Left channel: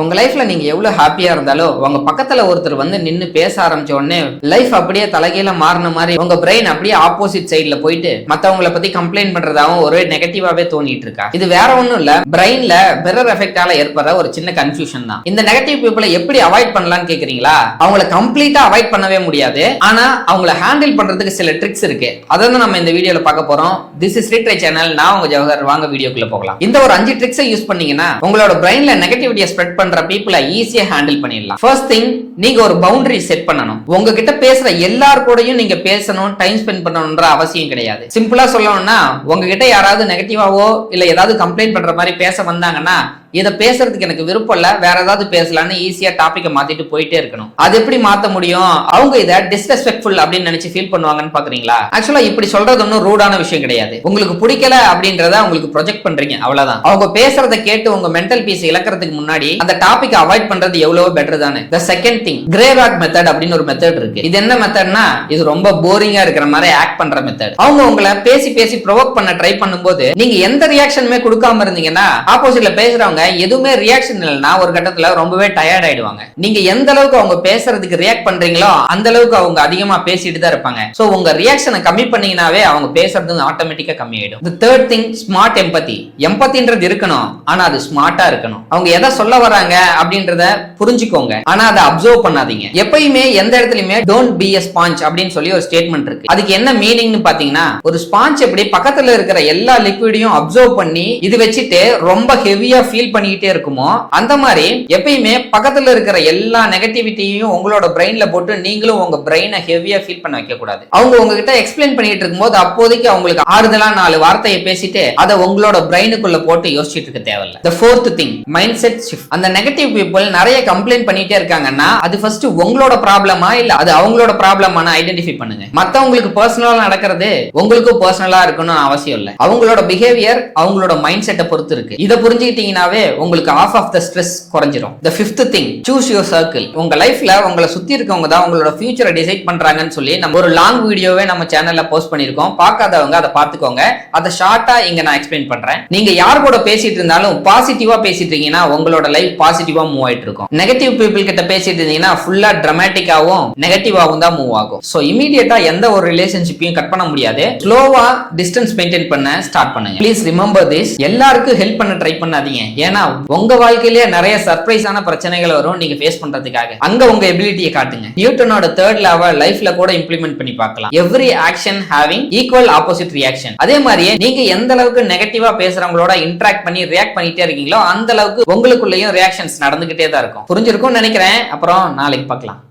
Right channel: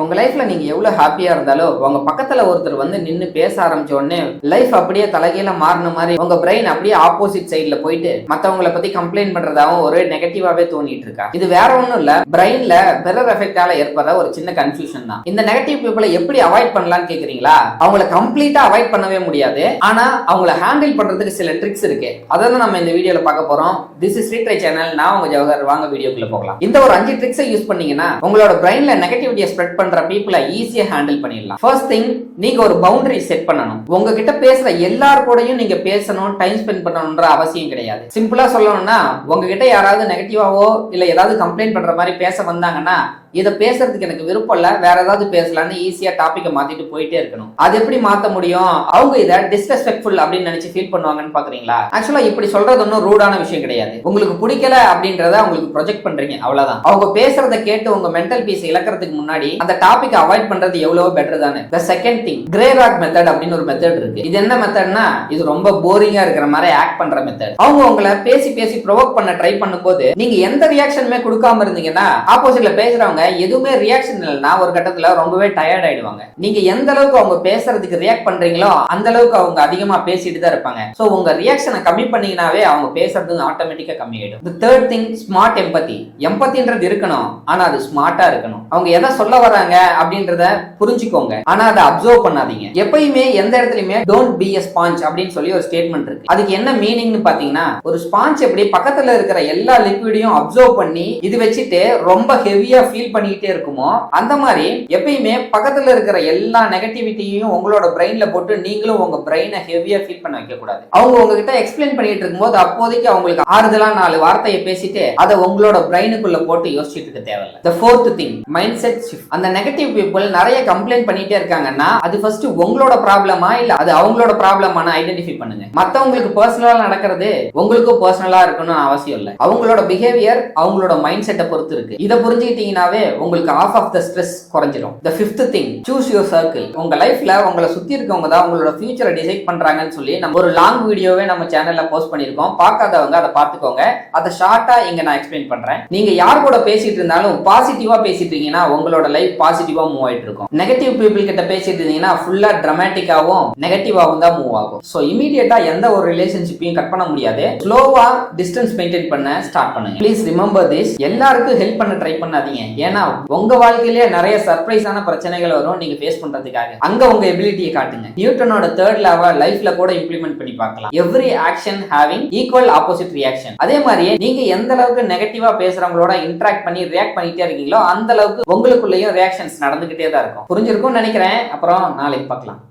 உங்க லைஃப்ல நீங்க எவ்வளவு ஹாப்பியா இருந்தாலும் உங்க பக்கத்துல ஒருத்தர் வந்து நின்னு பேச ஆரம்பிச்ச உடனே லைஃப் அப்படியே தலைகீழ மாறின மாதிரி உங்க பிரெயின் அப்படியே ஆப்போசிட் சைடுல போயிட்டு மத்தவங்களை பத்தி கம்ப்ளைண்ட் பண்றதாவும் ஒரு நெகட்டிவாவே தோணிட்டு இருக்கா. இது வேற ஒண்ணும் இல்ல, பிரெயின்ல மிரர் எஃபெக்டால ஏற்படுற ஒரு சின்ன கன்ஃபியூஷன் தான். இந்த நெகட்டிவ் பீப்புளை எப்படி அவாய்ட் பண்ணலாம்னு கேக்குறீங்களா? அவங்கள கம்ப்ளீட்டா அவாய்ட் பண்ணவே முடியாது, ஆனா அவங்கள ஹேண்டில் பண்றதுக்கு சில ட்ரிக்ஸ் இருக்கு. அதான் நம்ம இந்த வீடியோல பார்க்க போறோம். This is literature channel. நான் உங்க ஜவஹர். வாங்க வீடியோக்குள்ள போகலாம். இந்த ஒரு 5 ட்ரிக்ஸை யூஸ் பண்ணீங்கன்னா உங்களோட பிரெயின்ல நெகட்டிவிட்டியை ஸ்ப்ரெட் பண்ற பீப்புளை ஈஸியா ஹேண்டில் பண்ணிடலாம். ஃபர்ஸ்ட் திங், நீங்க ஒரு பவுண்டரி செட் பண்ணணும். உங்ககிட்ட பேசுற எல்லார் கூடயும் நீங்க பேசணும், டைம் ஸ்பெண்ட் பண்ணணும்ன்ற அவசியம் கிடையாது. சிம்பிளா சொல்லணும்னா, உங்ககிட்ட யாராவது நெகட்டிவாவோ இல்ல ஏதாவது கம்ப்ளைண்ட் பண்ற மாதிரி பேச வந்தாங்கன்னா, இதை பேசுறதுக்கு எனக்கு விருப்பம் இல்ல, வேற ஏதாவது பேசலாம்னு ஈஸியா டாபிக்கை மாத்திட்டு போயிட்டே இருக்கணும். அது எப்படி மாத்த முடியும்? அவங்க இதை டிஸ்ரெஸ்பெக்ட்ஃபுல் அப்படின்னு நினைச்சு ஃபீல் பண்ணுவாங்கன்னு பாக்குறீங்களா? ஆக்சுவலா இப்படி சொல்றது ஒன்னும் ரூடான விஷயம் கிடையாது. உங்களுக்கு பிடிக்கல அப்படின்றத உங்களுக்கு ப்ரொஜெக்ட் பண்றீங்க, அவ்வளவுதான். அவங்க பேசுறதை கேட்டு உங்க மென்டல் பீஸ் இழக்கிறதுக்கு முன்னாடி அந்த டாபிக் அவாய்ட் பண்றது எவ்வளவு பெட்டர் தானே. The second thing, grey rock method அப்படின்னு ஒரு மெத்தட் இருக்கு. இது என்ன மெத்தட்னா, இது ரொம்ப போரிங்கா இருக்கிற மாதிரி ஆக்ட் பண்ற மெத்தட். அவங்க உங்களை பேசி பேசி ப்ரொவோக் பண்ண ட்ரை பண்ணும்போது நீங்க எந்த ரியாக்ஷனுமே கொடுக்காம இருந்தீங்கன்னா, ஆப்போசிட்ல பேசுறவங்க எதுவுமே ரியாக்ஷன் இல்லைன்னா ஒரு கட்டத்துல ரொம்பவே டயர்ட் ஆயிடுவாங்க. நீங்க எந்த அளவுக்கு அவங்க பேசுறதுக்கு ரியாக்ட் பண்றீங்களோ அந்த அளவுக்கு அவங்க அதிகமா பேசிட்டு தான் இருப்பாங்க. சோ உங்க ரியாக்ஷனை கம்மி பண்ணீங்கனாவே அவங்க பேசுறது ஆட்டோமேட்டிக்கா கம்மி ஆயிடும். The third thing, smart empathy. எம்பதின்றது இருக்கணும், ஆனா அது ஸ்மார்ட்டா இருக்கணும். அவங்க எதை சொல்ல வராங்க அப்படின்றத புரிஞ்சுக்கோங்க, ஆனா அதை அப்சர்வ் பண்ணாதீங்க. எப்பயுமே எந்த இடத்துலயுமே டோன்ட் பி எ ஸ்பாஞ்ச் அப்படின்னு சொல்லி ஒரு ஸ்டேட்மெண்ட் இருக்கு. அதுக்கு என்ன மீனிங்னு பாத்தீங்கன்னா, ஒரு ஸ்பாஞ்ச் எப்படி பக்கத்துல இருக்கிற எல்லா லிக்விடையும் அப்சர்வ் பண்ணி இது வச்சுட்டு ரொம்ப ஹெவியா ஃபீல் பண்ணிக்கிட்டே இருக்குமோ, அந்த மாதிரி எப்பயுமே பக்கத்துல இருக்கிற எல்லா நெகட்டிவிட்டியையும் உங்களோட பிரெயின்ல போட்டு நீங்களும் உங்க பிரெயினை ஹெவியா ஃபீல் பண்ண வைக்க கூடாது. அவங்க உங்ககிட்ட எக்ஸ்பிளைன் பண்ணிட்டு இருக்கும்போது அப்போதைக்கு அவங்களுக்கு ஆறுதலா 4 வார்த்தையை பேசிட்டு அதை உங்களோட பிரெயினுக்குள்ள போட்டு யோசிச்சுட்டு இருக்க தேவையில்லை. The fourth thing, mindset shift. அந்த நெகட்டிவ் பீப்புள் நிறைய கம்ப்ளைண்ட் பண்ணிட்டே இருக்காங்கன்னா அது ஃபர்ஸ்ட் உங்களோட ப்ராப்ளமா இல்ல அது அவங்களோட ப்ராப்ளமான ஐடென்டிஃபை பண்ணுங்க. மத்தவங்களுக்கு பர்சனலா நடக்கிறது உங்களுக்கும் பர்சனலா இருக்கணும் அவசியம் இல்ல. அவங்களோட பிஹேவியர் அவங்களோட மைண்ட் செட்டை பொறுத்து இருக்கு. இதை புரிஞ்சுக்கிட்டீங்கன்னாவே உங்களுக்கு ஆஃப் ஆஃப் த ஸ்ட்ரெஸ் குறைஞ்சிரும். The fifth thing, choose your circle. உங்க லைஃப்ல உங்களை சுத்தி இருக்கவங்க தான் உங்களோட ஃபியூச்சரை டிசைட் பண்றாங்கன்னு சொல்லி நம்ம ஒரு லாங் வீடியோவே நம்ம சேனல்ல போஸ்ட் பண்ணிருக்கோம். பார்க்காதவங்க அதை பார்த்துக்கோங்க. அதை ஷார்ட்டா இங்க நான் எக்ஸ்பிளைன் பண்றேன். நீங்க யார் கூட பேசிட்டு இருந்தாலும் பாசிட்டிவா பேசிட்டு இருக்கீங்கன்னா உங்களோட லைஃப் பாசிட்டிவா மூவ் ஆயிட்டு இருக்கும். நெகட்டிவ் பீப்புள் கிட்ட பேசிட்டு இருந்தீங்கன்னா ஃபுல்லா டிராமேட்டிக்காவும் நெகட்டிவாவும் தான் மூவ் ஆகும். சோ இமீடியட்டா எந்த ஒரு ரிலேஷன்ஷிப்பையும் கட் பண்ண முடியாது. ஸ்லோவா டிஸ்டன்ஸ் மெயின்டைன் பண்ண ஸ்டார்ட் பண்ணுங்க. Please remember this. எல்லாருக்கும் ஹெல்ப் பண்ண ட்ரை பண்ணாதீங்க. ஏன்னா உங்க வாழ்க்கையிலேயே நிறைய சர்ப்ரைஸான பிரச்சனைகள் வரும் நீங்க ஃபேஸ் பண்றதுக்காக. அங்க உங்க எபிலிட்டியை காட்டுங்க. நியூட்டனோட 3rd law லைஃப்ல கூட இம்ப்ளிமெண்ட் பண்ணி பார்க்கலாம். Every action having equal opposite reaction. அதே மாதிரியே நீங்க எந்த அளவுக்கு நெகட்டிவா பேசுறவங்களோட இன்டராக்ட் பண்ணி ரியாக்ட் பண்ணிட்டே இருக்கீங்களோ அந்த அளவுக்கு உங்களுக்குள்ளேயும் ரியாக்ஷன்ஸ் நடந்துகிட்டே தான் இருக்கும். புரிஞ்சிருக்கும்னு நினைக்கிறேன். அப்புறம் நாளைக்கு பார்க்கலாம்.